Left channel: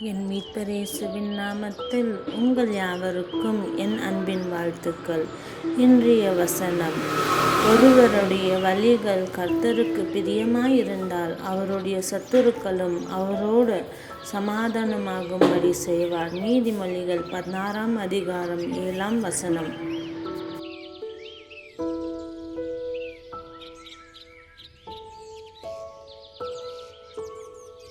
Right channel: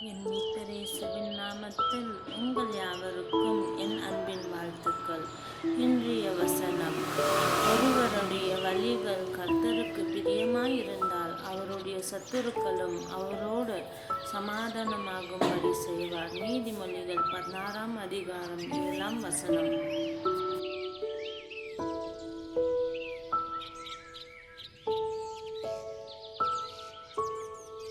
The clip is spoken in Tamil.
என் மீட்பரேசுவின் நாமத்தில் உங்கள் யாவருக்கும் என் அன்பின் வாழ்த்துக்கள். இன்றைய வசனம் ஒருவருடைய வழிகள் கர்த்தருக்கு பிரியமாயிருந்தால் அவருடைய சத்துருக்களும் அவரோடு சமாதானமாகும்படி செய்வார். நீதிமொழிகள் பதினாறாம் அதிகாரம் ஏழாம் வசனம்.